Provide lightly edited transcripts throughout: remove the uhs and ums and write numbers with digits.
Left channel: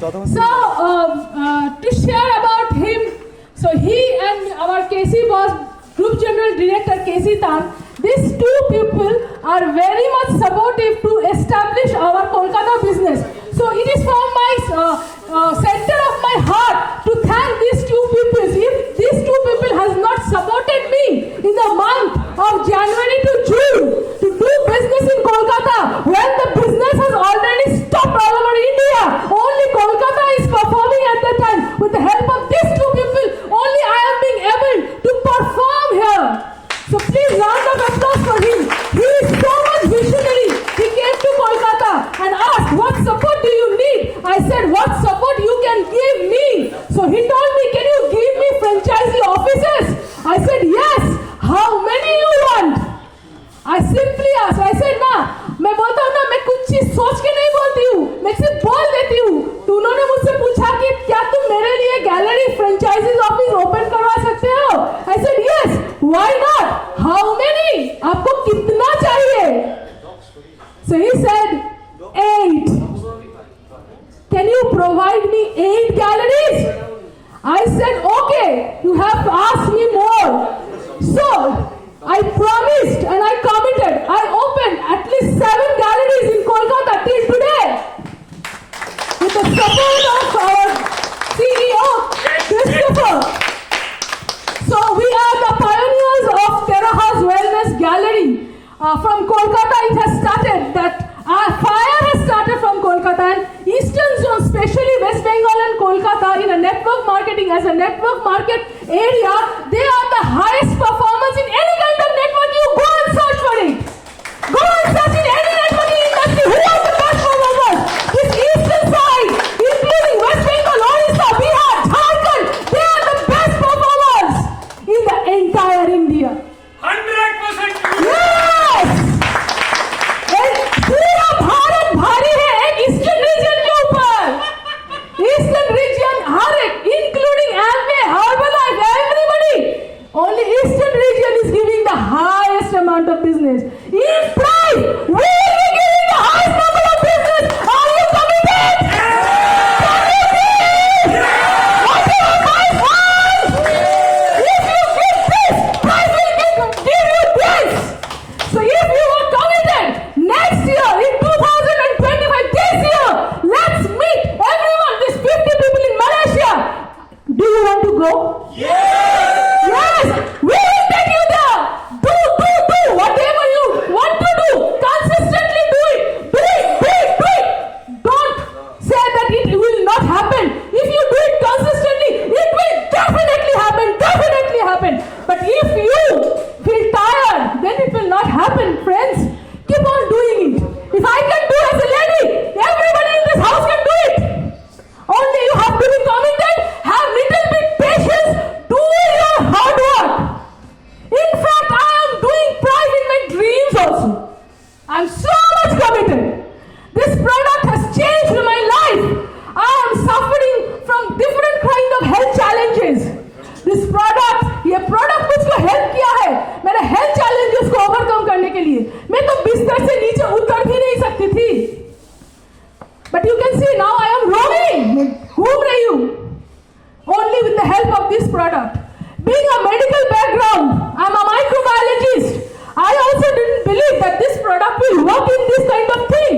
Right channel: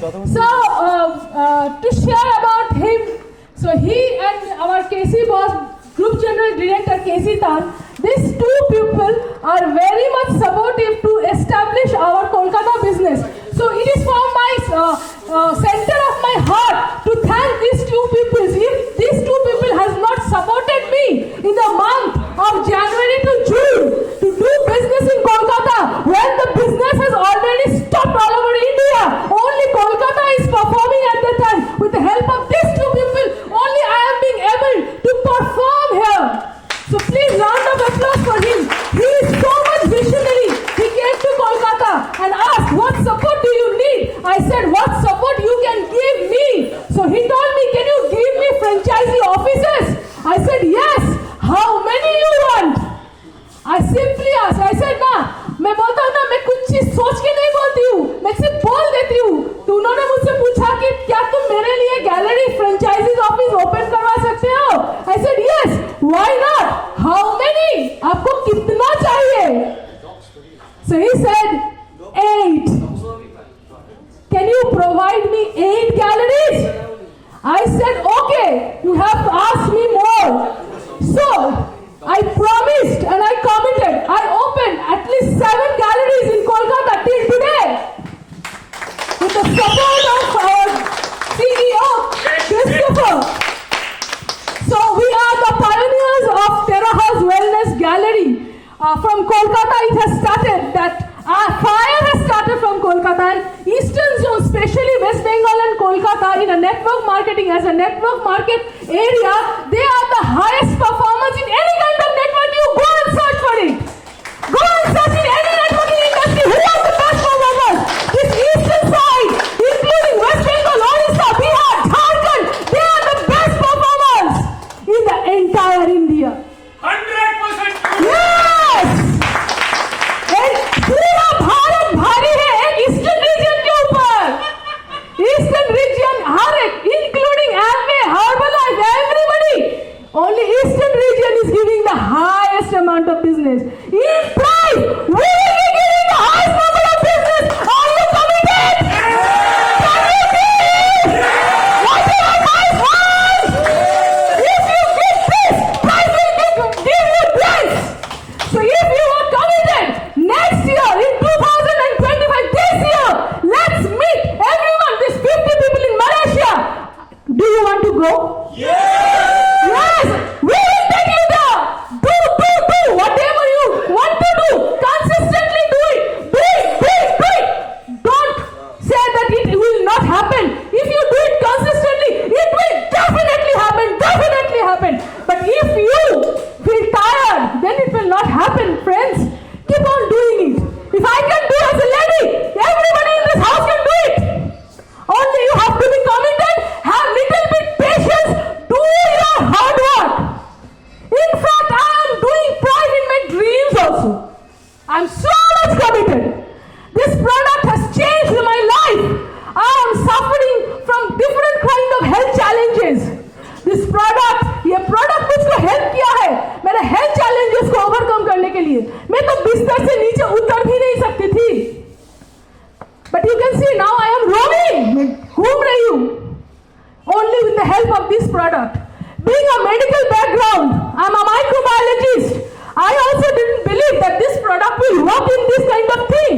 So to share about him, so he and our KC boss, Group General Director KC Tan, these two people are very much supportive to establish our Kolkata business. So it is from my center of my heart to thank these two people. If these two people has not supported me in the month of January to June to do business in Kolkata, when the business has already stopped all over India, only Kolkata is performing at the time. With the help of these two people, only I am being able to perform here. So please round of applause for him. He is so much visionary. He came to Kolkata and asked, what support do you need? I said, what support you can give me? So he told me, can you give me franchisee offices? I said, yes. How many you want? I simply asked. I said, ना मैं बोलता हूँ ना, मैं कुछ चीज सोच के नहीं बोलती हूँ, मैं सिर्फ बोल देती हूँ. तो उन्होंने मुझसे पूछा कि क्या तुम मेरे लिए गैलरी फ्रेंचाइजी ऑफिस ओपन करवा सकते हो? I said, yes. Why not? How many? आपको कितना चाहिए? So he said, 8. Can you provide me 8 galleries? I said, okay, you have asked me more. So I promised and I committed. I opened at least 7 galleries in Kolkata till today. With the support of our CEO, Christopher. So we are the pioneers of Terrahouse Wellness Gallery. From Kolkata it has started. That fire has started from Kolkata, and Eastern Zone, especially West Bengal and Kolkata, in a network marketing, as a network market area, they are the highest performers in any kind of network. You go and search for it. Go and search in any networking industry. Who are the best performers? This Eastern side, including West Bengal, Orissa, Bihar, Jharkhand, they are the best performers in the entire India. 100%. Yes! And पूरा भारत भारी है एक eastern region के ऊपर. Eastern region हर एक, including Amway, Herbalife, everybody. Only Eastern region is giving the highest amount of business. In price, we will be giving the highest number of business. Are you committed? If you give this, price will give you this. So if you are committed, next year in 2025, this year, let's meet everyone, these 50 people in Malaysia. Do you want to go? Yes, we will take you there. Do whatever you want to do. Consistently do it. Do it. Don't say that it will not happen. If you do it consistently, it will definitely happen. But if you feel tired, then it will not happen, friends. Keep on doing it. If I can do as a lady, everybody in this house can do it. Only you have to be committed, have little bit patience, do your hard work. In fact, I am doing pride in my dreams also. I am so much committed. This product has changed my life. I am suffering from different kind of health challenges. This product, ये product मुझको help किया है मेरे health challenges को overcome करने के लिए. मैं तो बिस्तर से नीचे उतर भी नहीं सकती थी. But you can see now I am growing. घूम रही हूँ. Only with the help of this product. Being a medical background, I am a microbiologist. I also didn't believe that this product will work in this kind of thing.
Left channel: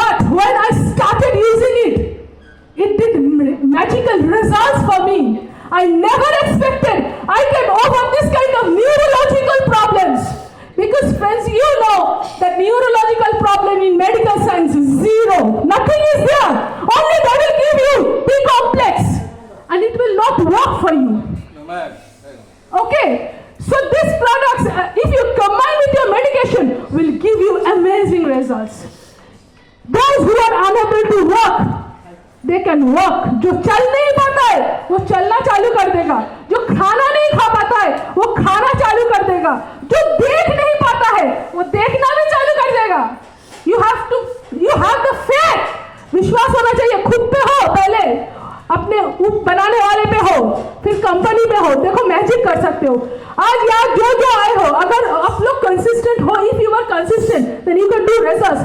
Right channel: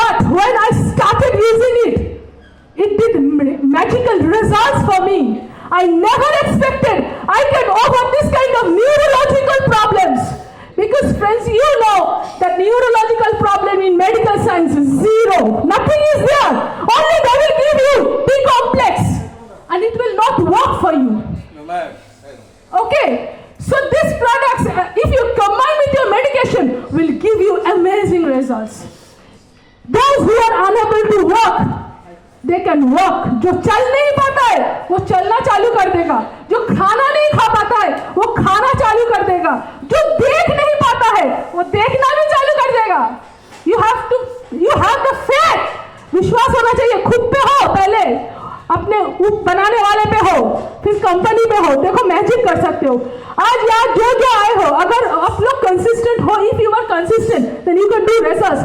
But when I started using it, it did magical results for me. I never expected I can overcome this kind of neurological problems. Because friends, you know that neurological problem in medical science is 0. Nothing is there. Only they will give you be complex. And it will not work for you. Okay. So these products, if you combine with your medication, will give you amazing results. Those who are unable to walk, they can walk. जो चल नहीं पाता है, वो चलना चालू कर देगा. जो खाना नहीं खा पाता है, वो खाना चालू कर देगा. जो देख नहीं पाता है, वो देखना भी चालू कर देगा. You have the faith. विश्वास होना चाहिए. खुद पे हो पहले, अपने बनाने वाले पे हो, फिर कंपनी पे हो. देखो मैजिक कर सकते हो. आज यार जो आए हो, अगर आप लोग कंसिस्टेंट हो, if you are consistent, then you can do results.